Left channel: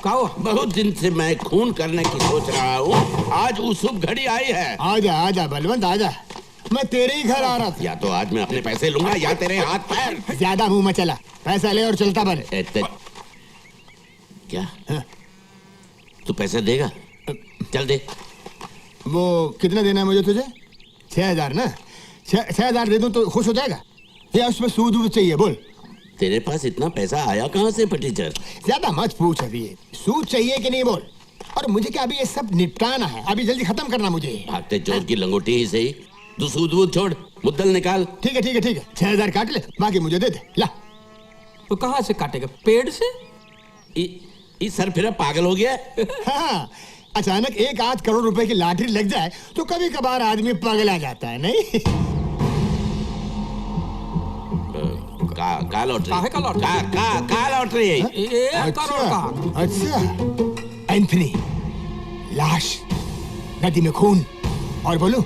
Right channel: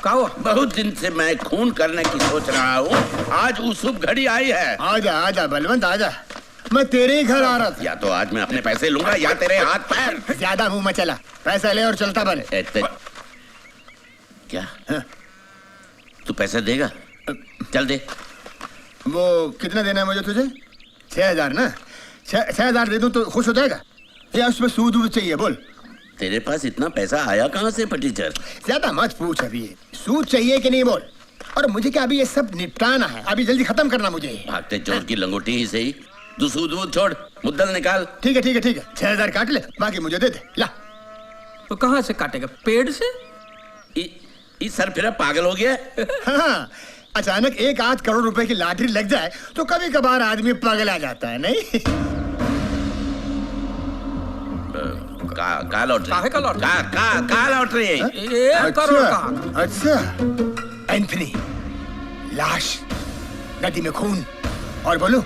क्या हुआ? बहुत दिन से मैं खून करने की सोच रहा हूँ, आज वो शुभ घड़ी आई है। आजा आजा बलवंत आजा, मैं तेरे ही घर आ रहा था। या तो आज मैं अपने पैसे लूंगा या तेरे हाथ पैर। ज्यादा मुंह में चला, पैसा ले और चलता बन। क्या? हाँ? तू पैसा देगा? चल दे। वो कितना देना है मुझे तुझे? 6,000 ना? 6,000 दे दूं तो खुश हो जाएगा या उसमें सूद वूद चाहिए? बोल। तेरे पास इतना पैसा आया कहाँ से फटीचर? ज्यादा मत पूछ, अभी सूद चाहिए कि नहीं बोल। और मुझे क्या अभी ये सब निपटाना है, अभी जल्दी खत्म करना मुझे। भागते चोर की लंगोटी ही सही, तू सूद वूद छोड़, मुद्दल निकाल। ठीक है ठीक है ठीक है, 6,000 काट ले, बाकी मुझे दे दे। ला। तो कहाँ से काटेगा? पेड़ से? इस सर फिर पागल हो गया। हाँ, अचानक 1-8 करोड़ रुपए की लॉटरी लग जाए तो कभी कभार आदमी पागल आ जाता है, नहीं? का लॉटरी? काहे का लॉटरी? का लॉटरी? 1 करोड़ का। अच्छा, एंथनी, लाश, नदी में खून, और बोलूं,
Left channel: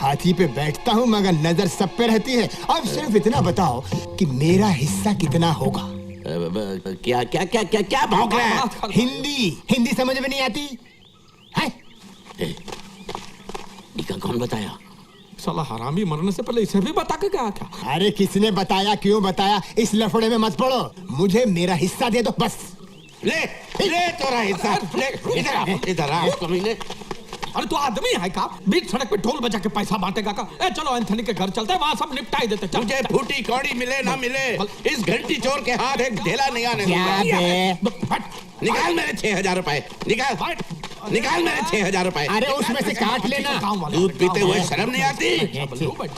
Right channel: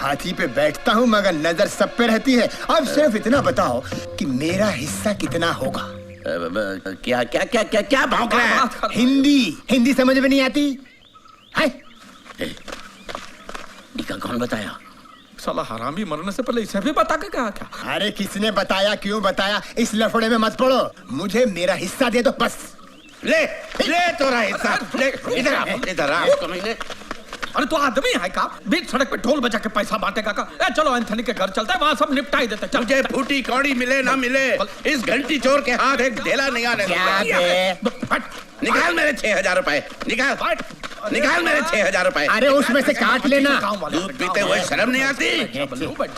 हाथी पे बैठता हूं मगर नजर सब पे रहती है। अब सिर्फ इतना बताओ कि मेरा हिस्सा कितना होगा? क्या क्या क्या क्या क्या भौंक रहा है? हिंदी समझ में नहीं आती है? इसका कौन बताया? साला हरामी मरने से पहले इसे भी बता के गया क्या? अरे किसने बताया, क्यों बताया, इस लफड़े में मत पड़ो। मुझे मेरा हिस्सा दे दो बस। ले तोरा हिस्सा ले। इधर आ कमीने। अरे तू आदमी है का? बीच सड़क पे ढोल बजा के पैसा बांटेगा का? चलो एंथनी के घर चलते हैं, वहाँ सब निपटा ही देते। मुझे फूटी कौड़ी मिले ना मिले, इस घंटी चोर के हाथ एक ढेला नहीं आने दूंगा। निकाल मेरे 6,000 रुपए, निकाल मेरे 6,000 रुपए। अरे उसमें से काट लेना। दूध पीते हुए शर्म नहीं आती?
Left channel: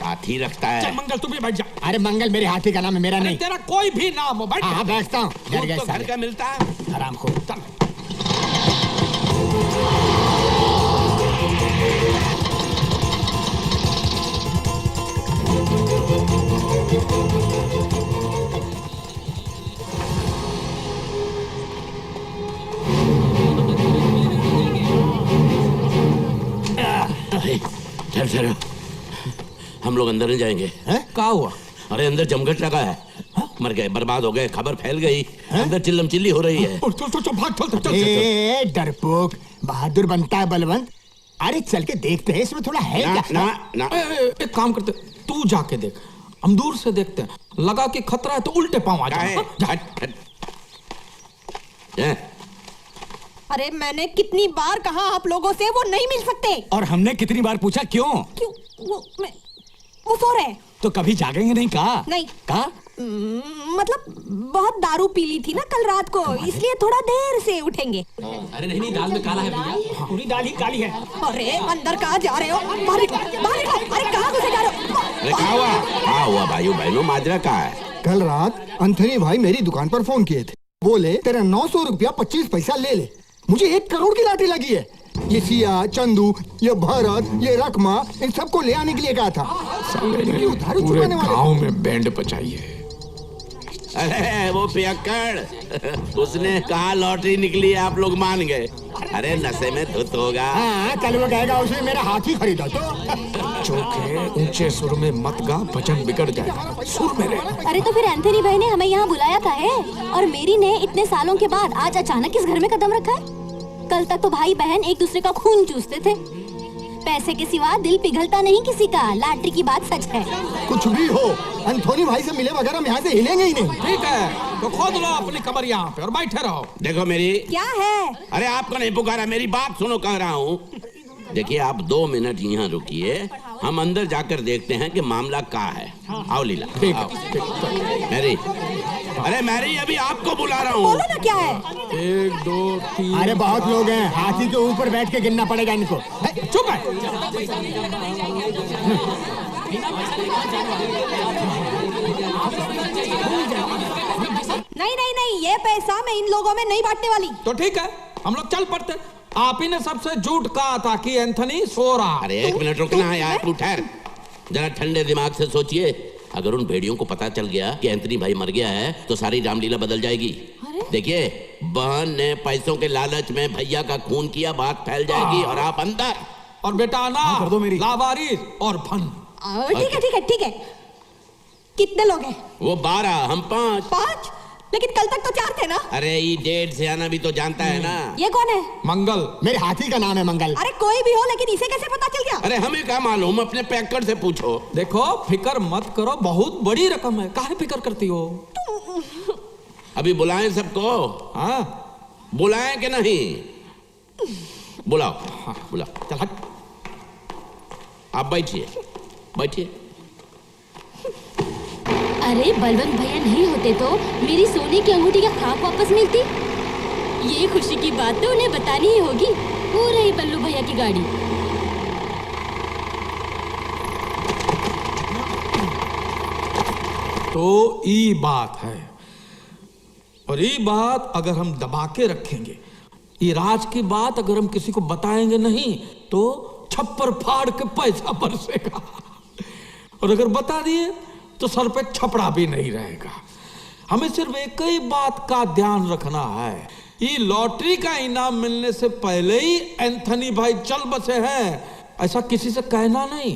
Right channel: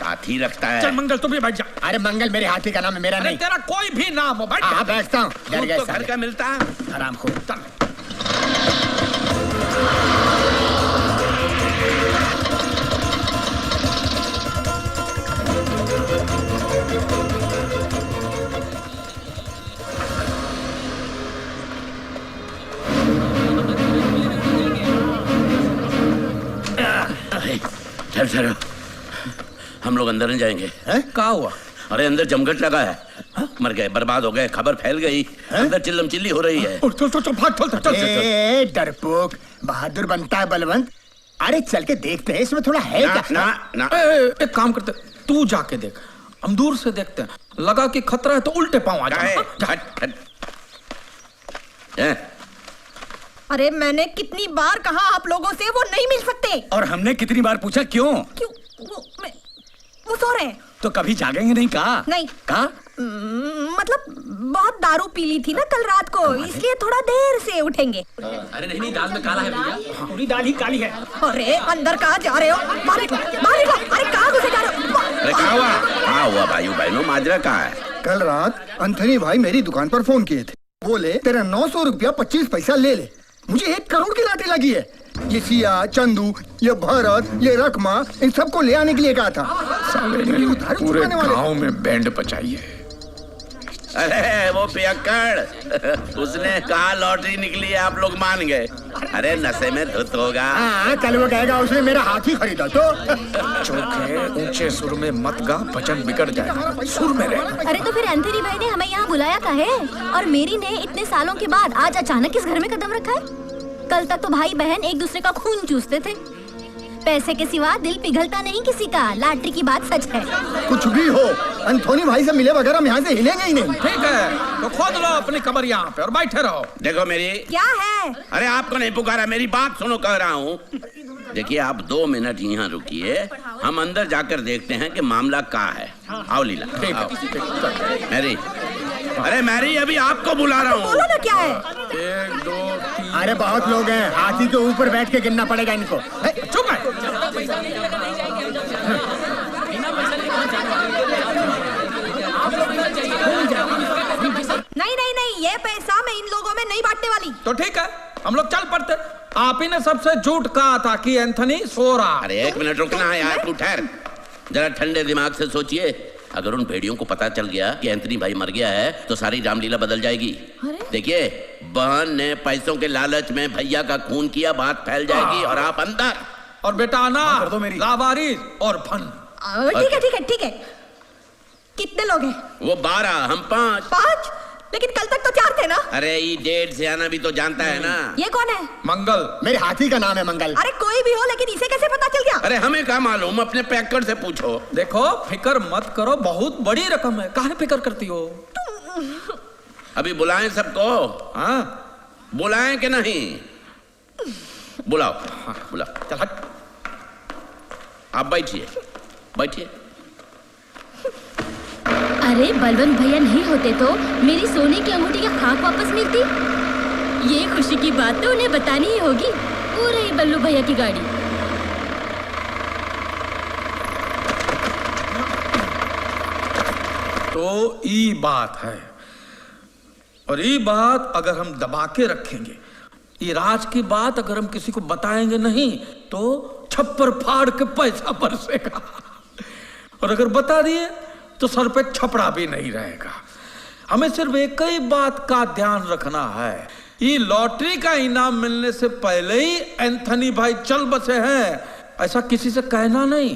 हाथी रखता है। चल मंगल तू भी बैठ जा। अरे मंगल मेरे हाथी का नाम है, मेरा नहीं। तेरा कोई भी नाम हो, बैठ। हाँ बैठता हूँ। डर गए तो घर का मिलता है। आराम को। ठहरो, हम लोग अंदर नहीं जाएंगे। क्या हुआ? अरे अंदर जमघट लगा है। मर गए, बर्बाद हो गए, खबर फैल गई। अंदर चिल्लम चिल्ली हो रही है। चल भाग, चल। डरपोक, बहादुर बनता है बलवंत। अरे चल के देखते हैं इसमें थोड़ा है क्या? ना। एक काम करते, तू जाके देख, हम दूर से देखते हैं। लगा कि खतरा है तो उल्टे पांव आ जाए। अरे मैंने कितनी बार कहा आप लोगों से वो नहीं मिल सकते। और हमने कितनी बार पूछा क्यों? वो सो रहे हैं। तो कभी जागेंगे नहीं कहा? नहीं कहा? मतलब बहुत दारू पी ली थी ना कल रात को, इसलिए थोड़ा देर से उठेंगे। अरे नहीं, दाल में काला है भैया। पूरी दाल ही काली है। अरे अंदर कहाँ जा रहे हो? बाहर निकलो। अरे कहाँ घुसे जा रहे हो? अरे क्या हुआ भाइयों बहनों, माजरा कहाँ है? कल रात एंथनी भाई मेरी दुकान पर फोन किए थे, बोले तेरा 900 रुपया 25 पैसा ले ले। मुझे 1 करोड़ की लॉटरी लगी है। ये सिया, चंदू, ये भरत, ये रकमा, इन सबको ले आने के लिए कहा था। पूरे गांव में बैंड बजाई है। अरे वो पियक्कड़, उसने कहा लॉटरी निकली है, आप लोग मान गए। अरे नशे में धुत होगा। हाँ, कल वो कहेगा उसने मेरा हाथी खरीदा तो। चौके ऊंचे सुर में मत गा, भजन बिगड़ जाएगा, सुर में रह। अरे तो फिर एंथनी भाई ने हमें यहाँ बुलाया था है, और मेरी ने इतने सालों के बाद आज अचानक इस घर में कदम रखा है। कल तक तो भाई बहन एक दूसरे का खून चूसते थे। पैसे के सिवा दिल पिघलता नहीं किसी का। लॉटरी की बात सच है। कुछ भी हो, एंथनी भाई से मिले बगैर हम यहाँ से हिलेंगे ही नहीं। ठीक है, तो खोद लो अपनी कमर यहाँ पे और बैठे रहो। देखो मेरी। क्या है? अरे आपको नहीं पुकारा, मेरी बात सुनो, कह रहा हूँ। देखिए आप 2 मिनट यहाँ रुकिए, हम अंदर जाकर देखते हैं कि मामला क्या है। आओ लीला। ठीक। मैरी, अरे मैरी अभी आपको बुला रहा हूँ। बोलो ना क्या है? 1 2 3। अरे बहुत लोग हैं, हाथी के ऊपर बैठ के गिनना पड़ेगा इनको। चुप है। नहीं, ये पैसा मैं इन लोगों में नहीं बांटने वाली। तो ठीक है, हम लोग चल पड़ते। आप ही ने सबसे झूठ कहा था कि एंथनी सो रहा। अरे 1 मिनट रुकना है यार, तू ठहर जरा, ठंडे दिमाग से सोचिए। अगर उन भेड़ियों को पता चल गया कि एंथनी भाई मर गया है तो सारी रामलीला बदल जाएगी। देखिए, बहन ने पैसों के लालच में भैया का खून किया, बात फैल जाएगी और आप अंदर। और बेटा ना कर दो मेरी लावारिस और फन। ठीक है। कितने लोग हैं? वो 12, हम 5। 5? लेकिन कल तक तो 4 थे ना। अरे ये डेढ़ से आना भी तो जानता है ना। ये कौन है? मंगल। मेरे हाथी का नाम है मंगल। अरे कोई भी हो, लेकिन इसे कैसे पता चल गया? अरे हमें क्या मालूम, अपने पैकर से पूछो। देखो फिक्र मत करो, बहुत बड़ी रकम है, काहे फिक्र करती हो? अभी बुलाएं सबको? हाँ बुलाएं कि नहीं? बुलाओ। हाँ बुलाओ। चल हट। आप बैठिए, बैठिए। अरे बलवंत भैया नहीं होते तो मेरी सोने की अंगूठी का खाक वापस मिलती। ये खुशी की बात तो उन्हें बतानी ही होगी। वो रही बल्लू भैया की गाड़ी। तो ये बात है, और ये बात अगर हम दबा के रखेंगे, ये राज की बात अगर हम किसी को बताएंगे नहीं तो छप्पर फाड़ के पैसा बरसेगा, और अगर बता दिए तो सर पे छपड़ा भी नहीं रहेगा। हमें सिर्फ एक ही बात का ध्यान रखना है, ये लॉटरी का इनाम मिलने से पहले ही एंथनी भाई चल बसे हैं, ऐसा किसी से कहना नहीं।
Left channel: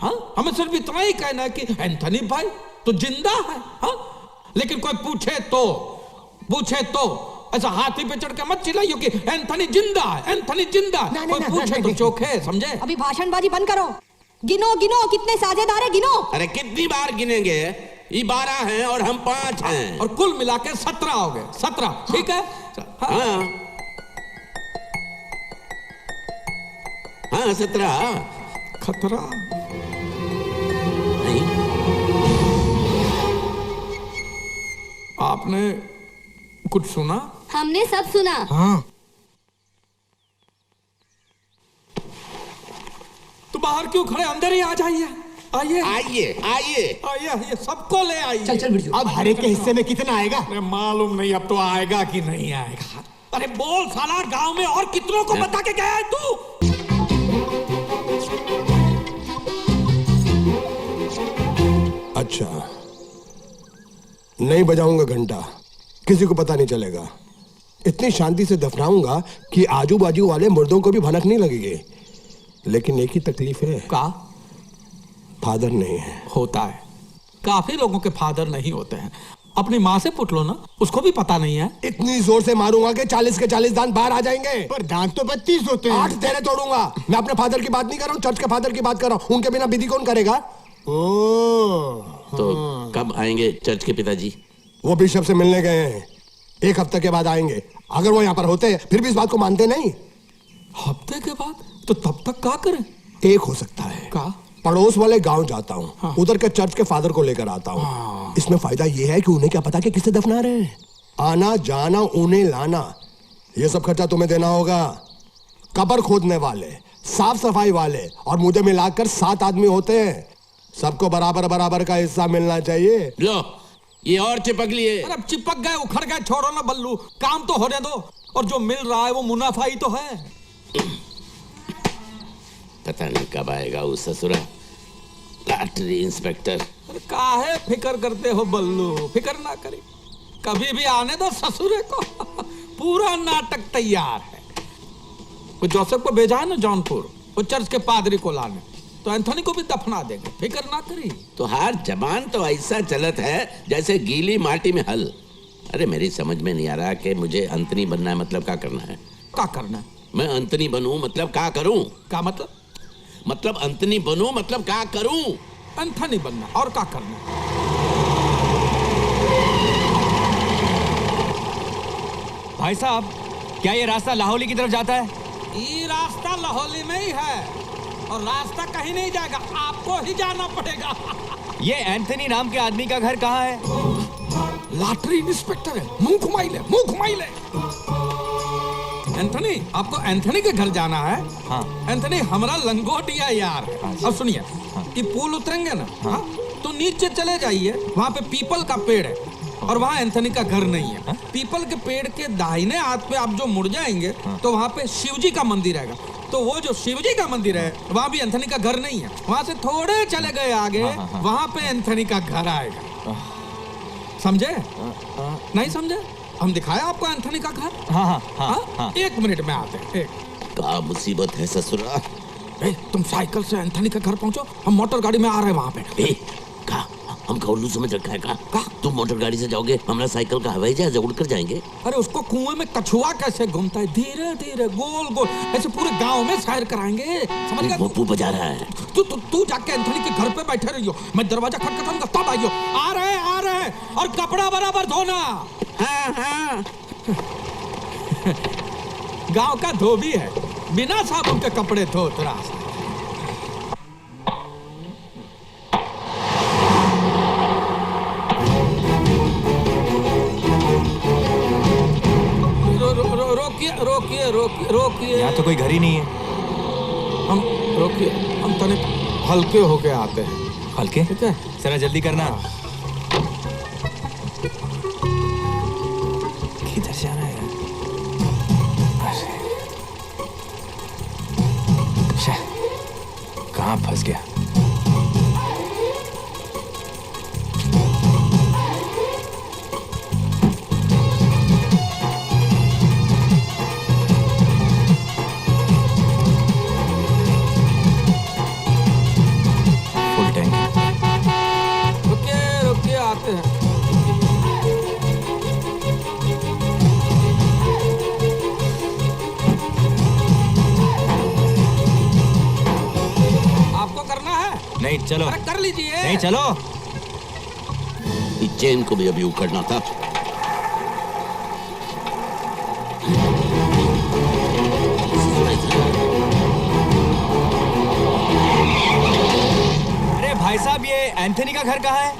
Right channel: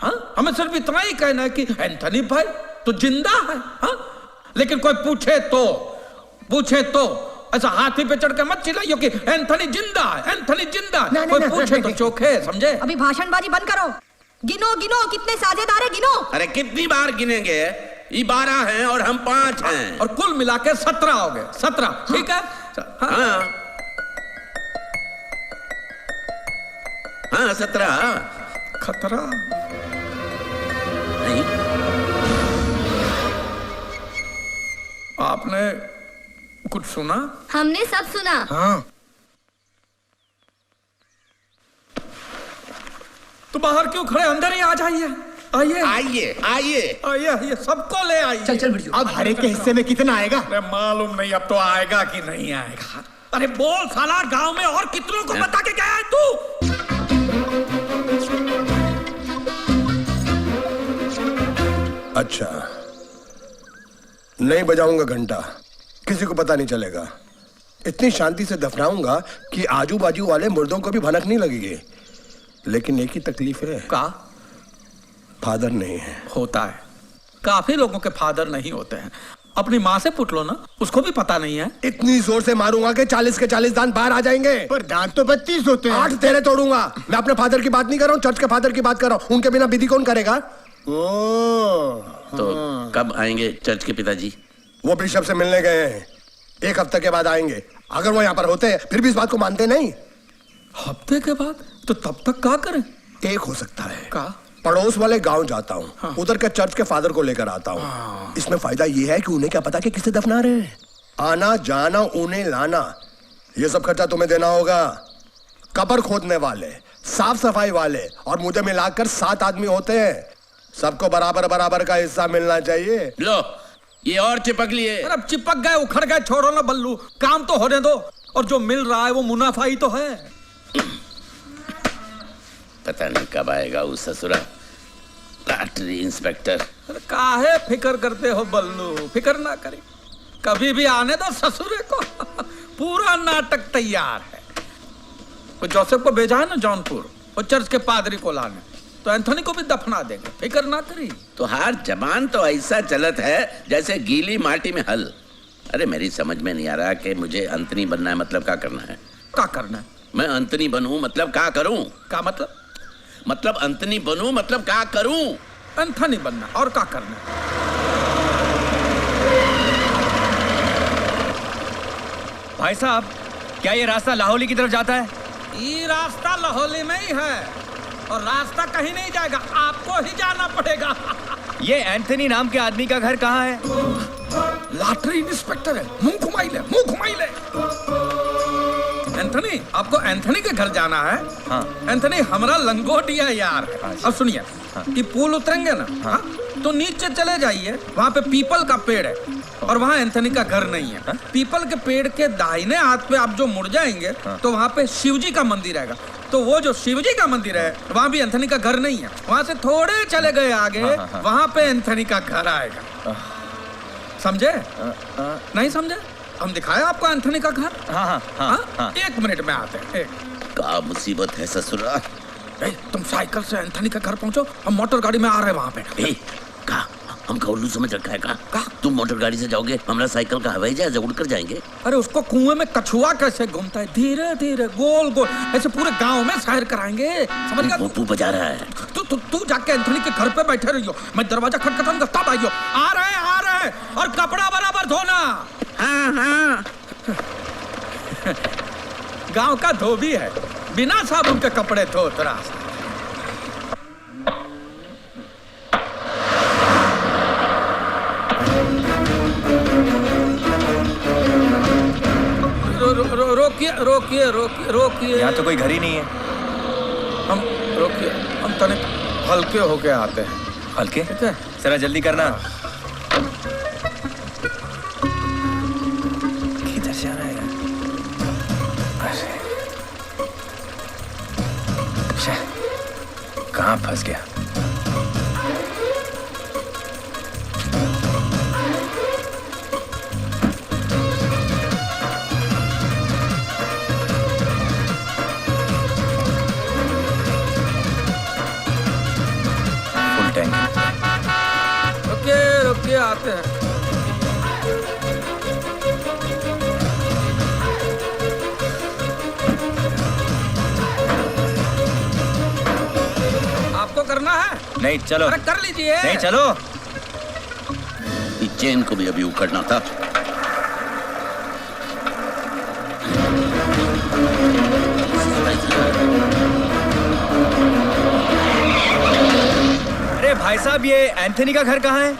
हाँ, हमें सिर्फ इतना ही कहना है कि एंथनी भाई तो जिंदा है। हाँ, लेकिन कोई पूछे तो ऐसा हाथी पे चढ़ के मत चिल्लाइयो कि एंथनी जिंदा है, एंथनी जिंदा है। कोई पूछे तो चोखे, समझे? अभी भाषणबाजी बंद करो। गिनो गिनो कितने साझेदार है, गिनो। अरे कितनी बार गिनेंगे? ये 12 हैं और हम 5 हैं। और कुल मिला के 17 हो गए। 17, ठीक है? हाँ हाँ 17। खतरा नहीं, आपने कुछ सुना? हमने सब सुना। हाँ। तो बाहर क्यों खड़े, अंदर ही आ जाइए। आइए आइए आइए आइए आइए, सबको ले आइए। चल बिरजू। अब हर एक के हिस्से में कितना आएगा? अरे मालूम नहीं अब तो आएगा कि नहीं आएगा। अरे बोल साला, गांव में और कितनों को बता के गया है तू? अच्छा, नहीं बजाऊंगा घंटा, किसी को पता नहीं चलेगा। इतनी शांति से दफनाऊंगा कि आजू बाजू वाले मुर्दों को भी भनक नहीं लगेगी। लेकिन एक ही तकलीफ है, का फादर नहीं है। होता है, काफी लोगों के फादर नहीं होते हैं। अपनी माँ से पूछ लो ना, उसको भी पता नहीं है। इतनी जोर से मारूंगा कि 40 के 40 दांत बाहर आ जाएंगे। पर दांत तो 32 होते हैं। 8 तेरे तोड़ूंगा। मैं अपने फादर की बात नहीं कर रहा हूँ, चर्च के फादर की बात कर रहा हूँ। उनके बिना विधि कौन करेगा? तो कब आएंगे चर्च के पिताजी? वो बिशप से मिलने गए हैं, 1 हफ्ते के बाद आएंगे। अगर वो यहाँ पर होते फिर भी इस बात को मानते नहीं। हफ्ते के बाद? तो तब तक क्या करें? एक हो सकता है, का पड़ोस वाले गांव जाता हूँ। हाँ। उधर के चर्च के फादर को लेकर आता हूँ। हाँ। इसमें फायदा ये है कि उन्हें क्या पता कि किसे दफना रहे हैं। आना जाना, उन्हें लाना, ये सब खर्चा तुम्हें देना होगा। कब्र खोदने वाले, साफ सफाई वाले और मुझे मिलाकर 7 आदमी होते हैं। सबको बराबर बराबर का हिस्सा मिलना चाहिए। लो ये और चिपक लिए। अरे अब चिपक गए, उखड़ गए, छोड़ो ना बल्लू, काम तो होने दो। और जो मिल रहा है वो मुनाफा ही तो है। पता नहीं कब आएगा वो ससुरा लॉटरी इंस्पेक्टर। अरे काहे फिक्र करते हो बल्लू, फिक्र ना करी, कभी भी आने दो ससुरे को। पूरा नाटक तैयार है। वो जोसेफ को भेजा है ना जौनपुर, वो चर्च के पादरी को लाने, तो एंथनी को भी दफना देंगे, फिक्र ना करी। तो हर जबान तो ऐसा चलत है जैसे गीली माटी में हल। अरे मेरी समझ में नहीं आ रहा कि मुझे अंतनी बनना है मतलब क्या करना है? क्या करना है? मैं अंतनी बनूं मतलब क्या करूं? क्या मतलब? मतलब अंतनी बनूं मतलब क्या करूं? एंथनी बनना, और क्या करना है? भाई साहब, क्या ये रास्ता लाहौली की तरफ जाता है? ये रास्ता लाहौली में ही है, और रास्ता कहीं नहीं जाएगा, आपको ही जाना पड़ेगा। ये एंथनी नाम के आदमी का घर कहाँ है? लॉटरी इंस्पेक्टर है, मुंह घुमाई ले, मुंह घुमाई ले। एंथनी, आपको एंथनी के घर जाना है? हाँ। एंथनी हमारा लंगोटिया यार है। हाँ। अब सुनिए, ये पुल उतरेंगे ना, हाँ? तो नीचे चले जाइए, वहाँ पे पीपल का पेड़ है, और वहाँ एंथनी का घर नहीं है। पीपल के पेड़ के दाहिने हाथ पे आप जो मुड़ जाएंगे, तो वहाँ पे शिवजी का मंदिर आएगा। तो वो जो शिवजी का मंदिर है, वहाँ भी एंथनी का घर नहीं है। वहाँ से थोड़े चले गए आगे, वहाँ पे एंथनी का घर आएगा। समझे? नहीं समझे? हम दिखाए आपको एंथनी का घर। हाँ? 1 मिनट में आते हैं। क्या मुसीबत है ससुरा? तुम साइकिल से एंथनी का घर पहुंचो, हम मोटर गाड़ी में आ रहे हैं वहाँ पे। कहा हमका उल्लू समझ रखा है का? तुम मोटर गाड़ी से जाओगे, हमारा साइकिल का हवाई जहाज उड़कर जाएंगे। अरे उसको कुएं में कछुआ कैसे घूमता है, धीरे धीरे गोल गोल ऐसे पूरे गांव में सैर कराएंगे, समझ गया? पप्पू बजा रहा है। तू जाके एंथनी के घर पे बैठे रहियो, मैं दरवाजा खटखटाऊंगा तब आइयो। आ रहे हैं और कपड़ा बराबर धोना। हाँ। गांव का धोबी है, बिना साबुन के कपड़े धोत रहा। रोकिए। यहाँ तो कोई घर ही नहीं है। हम तनिक हल्के होके आते हैं। हल्के? ठीक है, जरा जल्दी करना। किधर से आ रहा है यार? कहाँ फंस गया? Full tank. रुकिए आते हैं। आपको करना है? नहीं चलो। अरे कर लीजिए। नहीं चलो। इस चेन को भी अभी उखड़ना था। अरे भाई साहब, ये एंथनी का घर कहाँ है?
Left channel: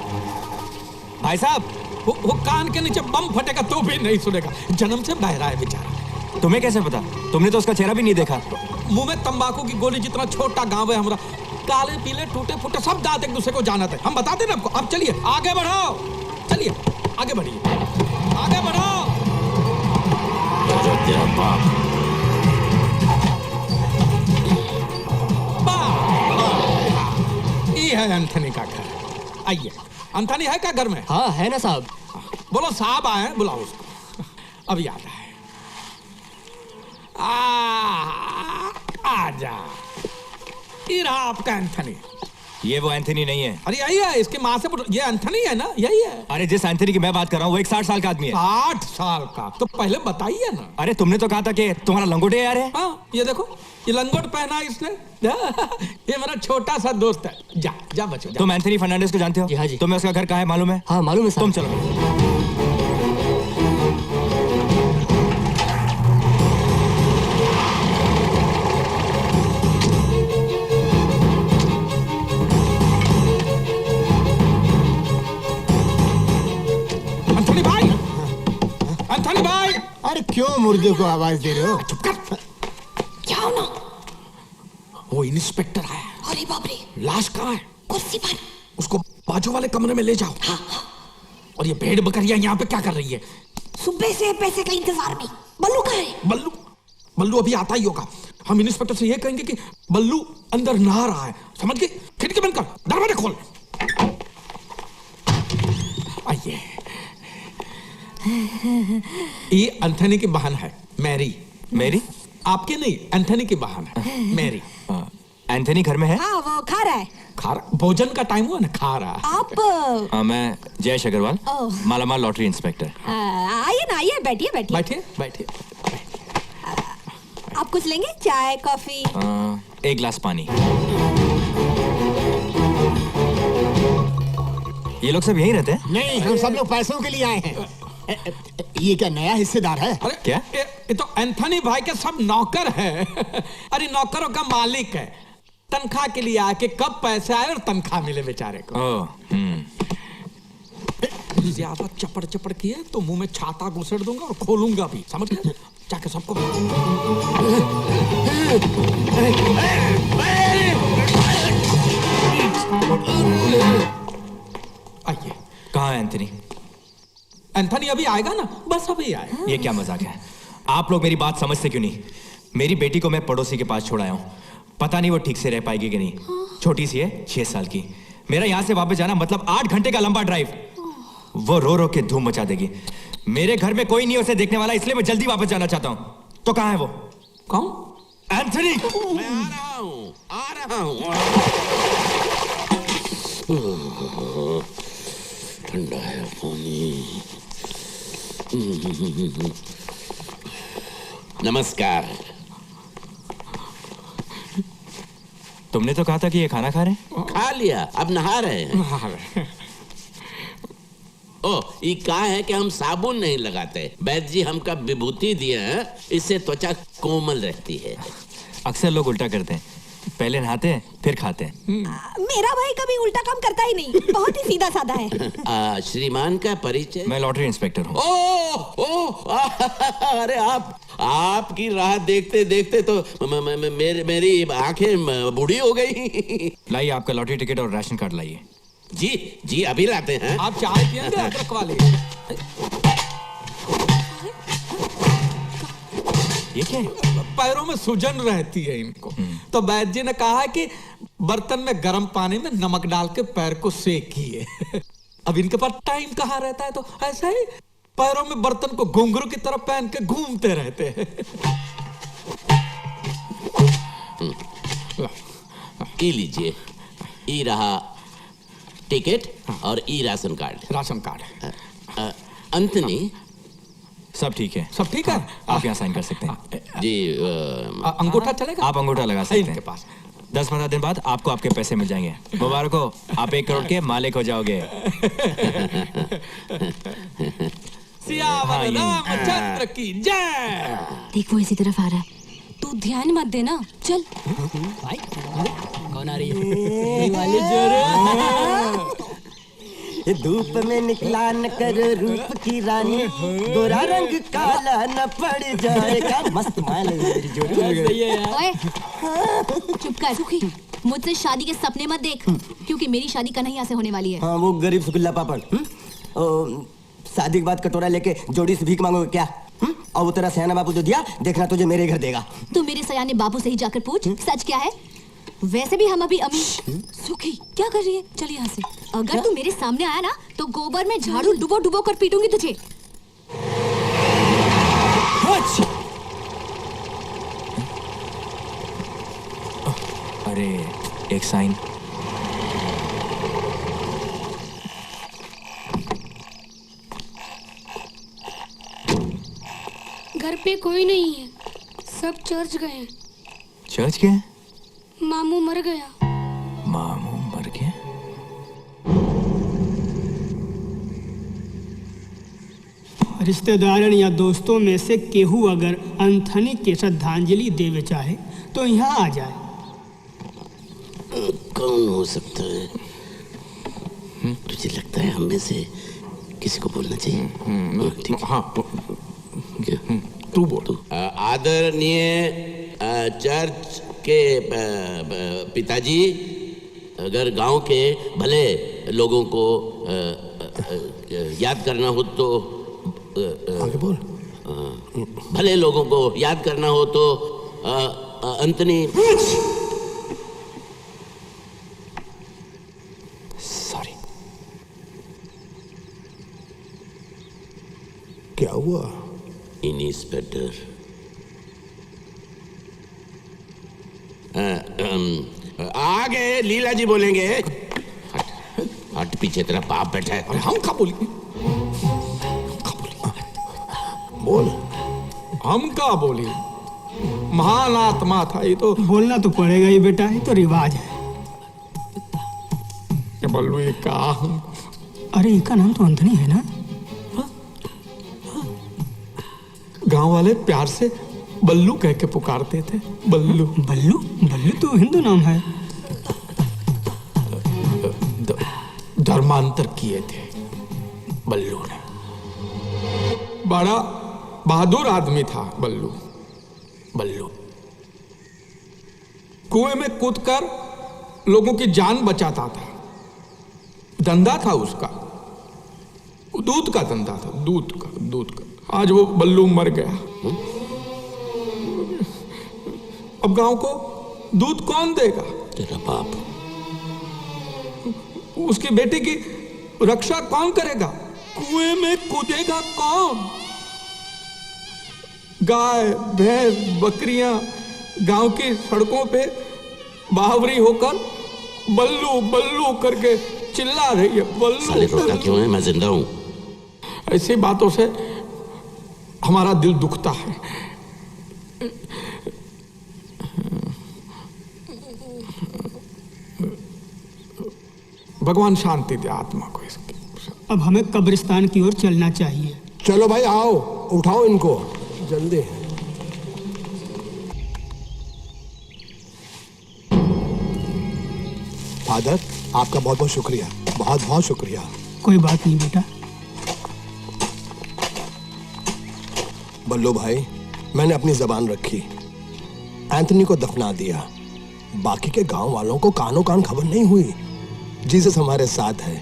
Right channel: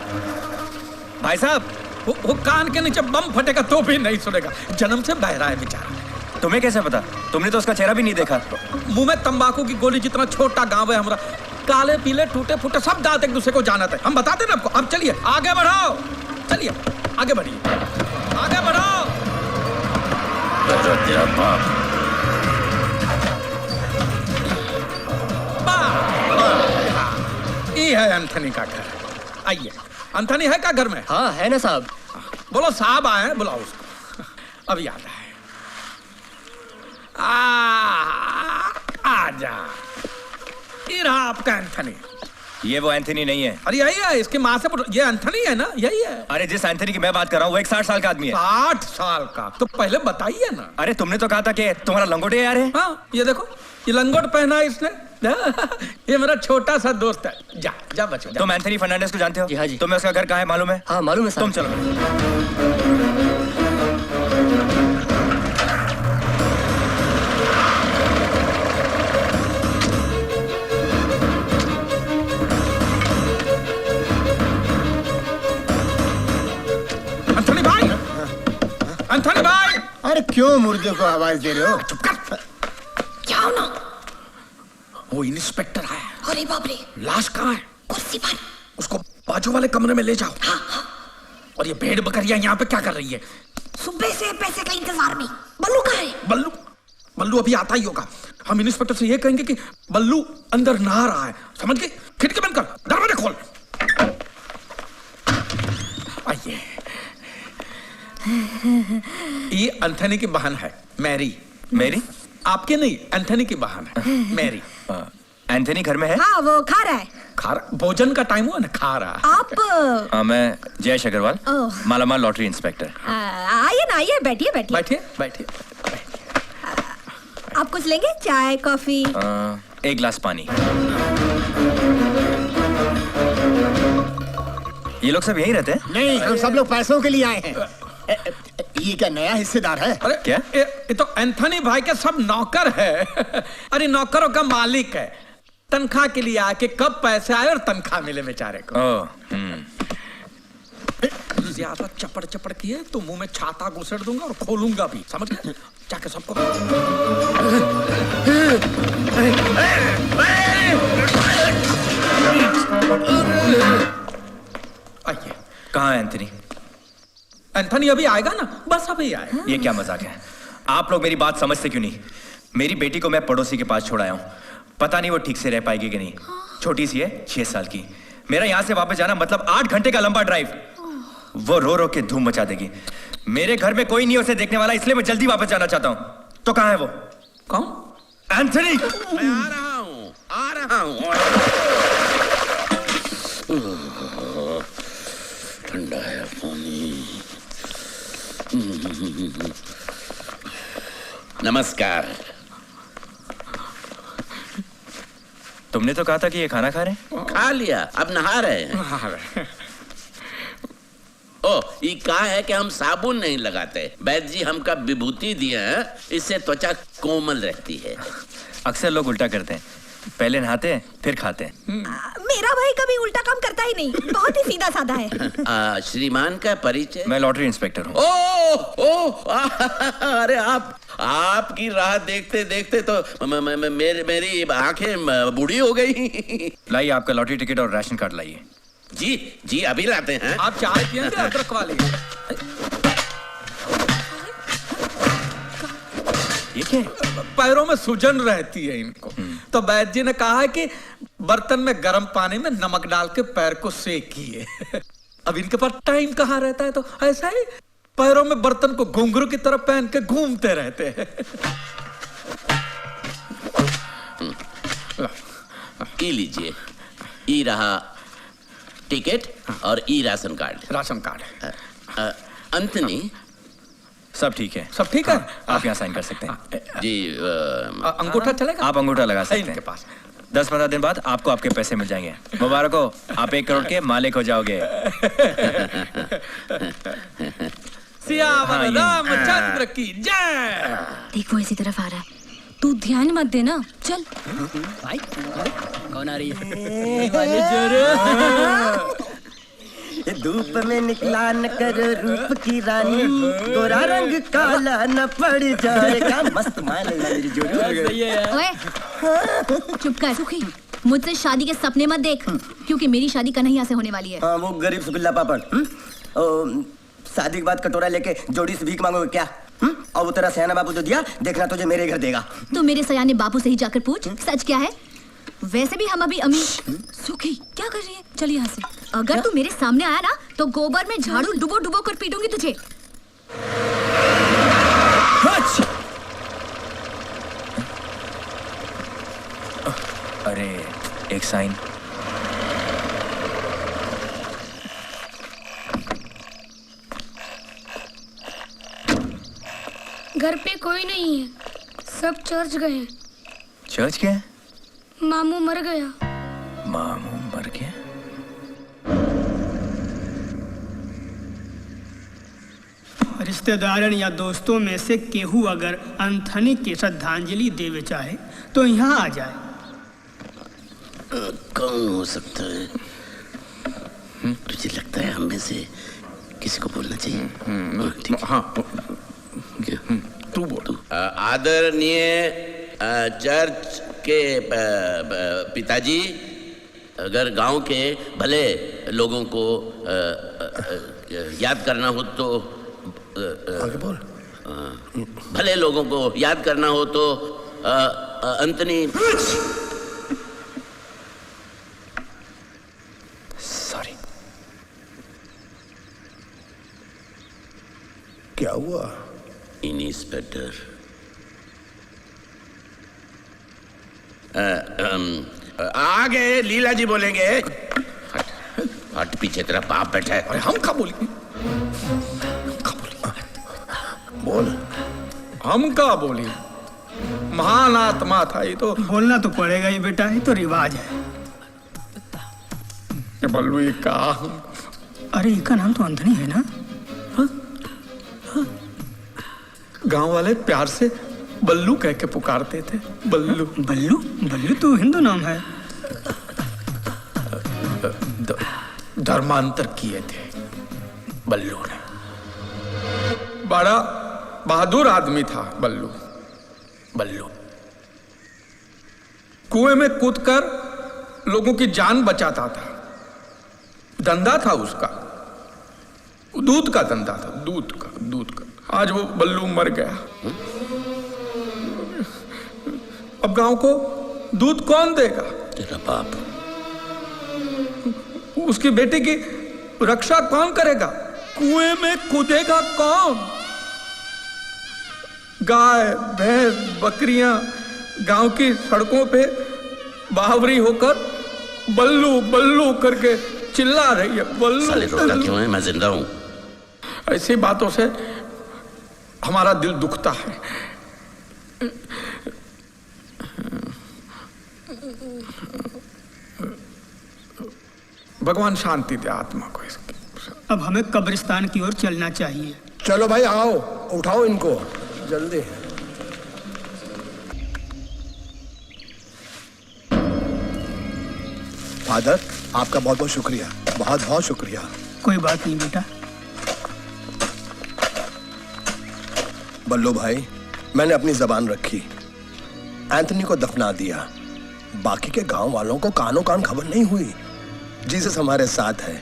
भाई साहब, वो कान के नीचे बम फटेगा तो भी नहीं सुनेगा, जन्म से बहरा है बेचारा। तुम्हें कैसे पता? तुमने तो उसका चेहरा भी नहीं देखा। मुंह में तंबाकू की गोली जितना छोटा गांव है हमारा, काले पीले टूटे फूटे सब दांत एक दूसरे को जानते हैं। हम बताते ना आपको। अब चलिए आगे बढ़ो, चलिए आगे बढ़िए, आगे बढ़ो। तेरा बाप। ये है एंथनी का घर। आइए। एंथनी है क्या घर में? हाँ है ना साहब। बोलो साहब आए हैं, बुलाओ उसको। अब याद आए। आजा। ये रहा आपका एंथनी। ये वो एंथनी नहीं है। अरे यही है, इसकी माँ से पूछो। ये एंथनी है ना? यही है। अरे जिस एंथनी की मैं बात कर रहा हूँ वो एक 60 साल का आदमी है। 60 साल का? तो पहले बताइए ना। अरे तुमने तो कहा था कि तुम्हारा लंगोटे यार है। हाँ, ये देखो, ये लंगोट पहना है इसने। ये मेरा छोटा सा दोस्त है। जा बच्चों। तुम एंथनी फर्नांडिस को जानते हो? जी हाँ जी। तुम्हें उसका घर कहाँ है मालूम है? हाँ मालूम है साहब। तुम चलो। एंथनी भाई। अरे क्यों मुर्दे को आवाज दे रहे हो? चुप कर। जाओ ना। वो इंस्पेक्टर आया है। अरे बाप रे। लाश कहाँ है? कुर्सी पर। उसको बाजू वाले कमरे में ले जाओ। हाँ। और ये भेड़ बकरियां यहाँ पे क्या कर रही है? सुबह से पैसे का इंतजार में। बल्लू कहाँ है? बल्लू अभी आता ही होगा। हम इंस्पेक्टर से ये कहेंगे कि बल्लू अंदर नहा रहा है, समझ गए? खिड़की बंद कर, दरवाजा खोल। आइए। ये एंथनी की बहन है मैरी। मेरी? आपके नहीं, एंथनी की बहन है मैरी। एंथनी घर में है? हाँ वो खा रहा है। खा रहा? भोजन का टाइम हुआ ना, खा रहा। आप मैं जयेश अग्रवाल, ओह। मालामाल लॉटरी इंस्पेक्टर। आइए ना, आइए, बैठिए बैठिए। बैठिए बैठिए। आप कुछ लेंगे? चाय कॉफी? एक गिलास पानी। ये लोग सब यहीं रहते हैं? नहीं, हम सब लोग पैसों के लिए आए हैं। ये क्या नया हिस्सेदार है? अरे क्या? ये तो एंथनी भाई के सब नौकर है। अरे नौकरों का मालिक है। तनख्वाह के लिए आके कब पैसे आए और तनख्वाह मिले बेचारे को। ज्यादा चपड़ चपड़ किए तो मुंह में छाता घुसेड़ दूंगा और खोलूंगा भी, समझ गए? जाके सबको आइए। कहाँ है एंथनी? एंथनी अभी आएगा ना, बस अभी आएगा। ये क्या मजाक है? आप लोग मेरी बात समझते क्यों नहीं? मेरी बेटी को मैं पड़ोसी के पास छोड़ आया हूँ, पता नहीं वो ठीक से रह पाएगी कि नहीं। छोटी सी है, 6 साल की। मेरा यहाँ से वापस जाना मतलब 8 घंटे का लंबा ड्राइव। वो रो रो के धूम मचा देगी। मेरे घर में कोई नहीं उसे देखने वाला, इसलिए मैं जल्दी वापस जाना चाहता हूँ। तो कहाँ है वो? कौन? एंथनी। मैं आ रहा हूँ। ठंडा है पानी। नमस्कार। तुमने तो कहा था कि ये खाना खा रहे हैं। खा लिया, अब नहा रहे हैं। ओ, ये कहा है कि हम साबुन नहीं लगाते। वैद्य जी हमका विभूति दिए हैं, इससे त्वचा कोमल रहती है। अक्सर लोग उल्टा करते हैं, पहले नहाते हैं फिर खाते हैं। मेरा भाई कभी उल्टा काम करता ही नहीं, बहुत ही सीधा साधा है। श्रीमान का परिचय? मैं लॉटरी इंस्पेक्टर हूँ। अरे आपकी राह देखते देखते तो मेरी आंखें बूढ़ी हो गई। लाइए आपका लॉटरी टिकट और राशन कार्ड लाइए। जी जी, अभी लाते हैं। आप चाय पियेंगे अदरक वाली? ये क्या है? पैरों में सूजन रहती है इनको, तो वैद्य जी ने कहा है कि बर्तन में गर्म पानी में नमक डाल के पैर को सेकिए। अब इनके पास टाइम कहाँ रहता है, तो ऐसा ही पैरों में बर्तन को घुंघरू की तरफ पहन के घूमते रहते हैं। ई लीजिए, ई रहा टिकट और ई राशन कार्ड। Ration card. अंतनी, सब ठीक है। सब ठीक है? आप यहाँ साइन कर सकते हैं। जी अंगूठा चलेगा? आप अंगूठा लगा सकते हैं। इनके पास 10-15 दिन बाद आपको आपके पैसे मिल जाएंगे। मुबारक हो, आप 1 करोड़ के मालिक हो जाओगे। सियावर रामचंद्र की जय। देख वो इसी तरफ आ रहा है, तू ध्यान मत देना। चल भाई कौन आ रही ये धूप में निकला न कर रूप की रानी, गोरा रंग काला न पड़ जाएगा। मस्त माल है मेरी जोड़ी। ओए, चुप कर सुखी, मुझसे शादी के सपने मत देख, क्योंकि मेरी शादी कन्हैया से होने वाली है। हाँ, वो गरीब सुगुल्ला पापड़। शादी के बाद कटोरा लेके जोड़ी से भीख मांगोगे क्या? और वो तेरा सयाना बापू जो दिया, देखना तुझे मेरे घर देगा। तू मेरे सयाने बापू से ही जाकर पूछ सच क्या है। वैसे भी हम अभी अमीर। सुखी क्या कर रही है? चल यहाँ से। अगर तू मेरे सामने आया ना तो गोबर में झाड़ू डुबो डुबो कर पीटूंगी तुझे। अरे एक साइन। घर पे कोई नहीं है, सब चर्च गए। चर्च क्या है? मामू मर गया। मामू मर गया? रिश्तेदारन या दोस्तों में से केहू अगर अंथनी के श्रद्धांजलि देवे चाहे तो यहाँ आ जाए। कौन हो सकता है? तुझे लगता है हम में से किसी को बोलना चाहिए? ठीक। हाँ, तू बोल। आदरणीय चर्च के पिताजी, अगर गांव के भले लोगों को याद करना हो तो आगे बोल। भले लोगों को याद करना हो तो अंतनी। सॉरी। क्या हुआ? इंस्पेक्टर, आगे लीला जी बोलेंगे। हट पीछे, तेरा बाप बैठा है। अरे हम क्या बोली? बोल। हम क्या बोली? महान आत्मा था ये तो। बोलना तो पड़ेगा ही बेटा, ये तो रिवाज है। बल्लू ये का? अरे इनका नाम तो अंथनी है ना? गांव वाले प्यार से बल्लू कह के पुकारते थे। बल्लू बल्लू बल्लू तो हिंदू नाम है। धर्मांतर किए थे बल्लू ने। बड़ा बहादुर आदमी था बल्लू। बल्लू कुएं में कूदकर लोगों की जान बचाता था। धंधा था उसका, दूध का धंधा था। दूध का। आज वो बल्लू मर गया। अब गांव को दूध कौन देगा? तेरा बाप। उसकी बेटी की रक्षा कौन करेगा? कुएं में कूदेगा कौन? गाय भैंस बकरियां गांव की सड़कों पे बावरी होकर बल्लू बल्लू करके चिल्ला रही है साले रोता बल्लू। क्यों है? मैं जिंदा हूँ। ऐसी बातों से हमारा दिल दुखता है। भगवान शांति दे आत्मा को इसकी। अब हमें कब्रिस्तान की ओर चलना चाहिए। चलो भाई आओ, उठाओ इनको जल्दी। फादर, आपका बहुत बहुत शुक्रिया, बहुत बहुत शुक्रिया। कोई बात नहीं बेटा। बल्लू भाई, मैंने अपनी जबान रखी, एंथनी को दफना दिया। बाकी के गांव वालों को कानों कान खबर नहीं हुई। जीसस हमारे साथ है।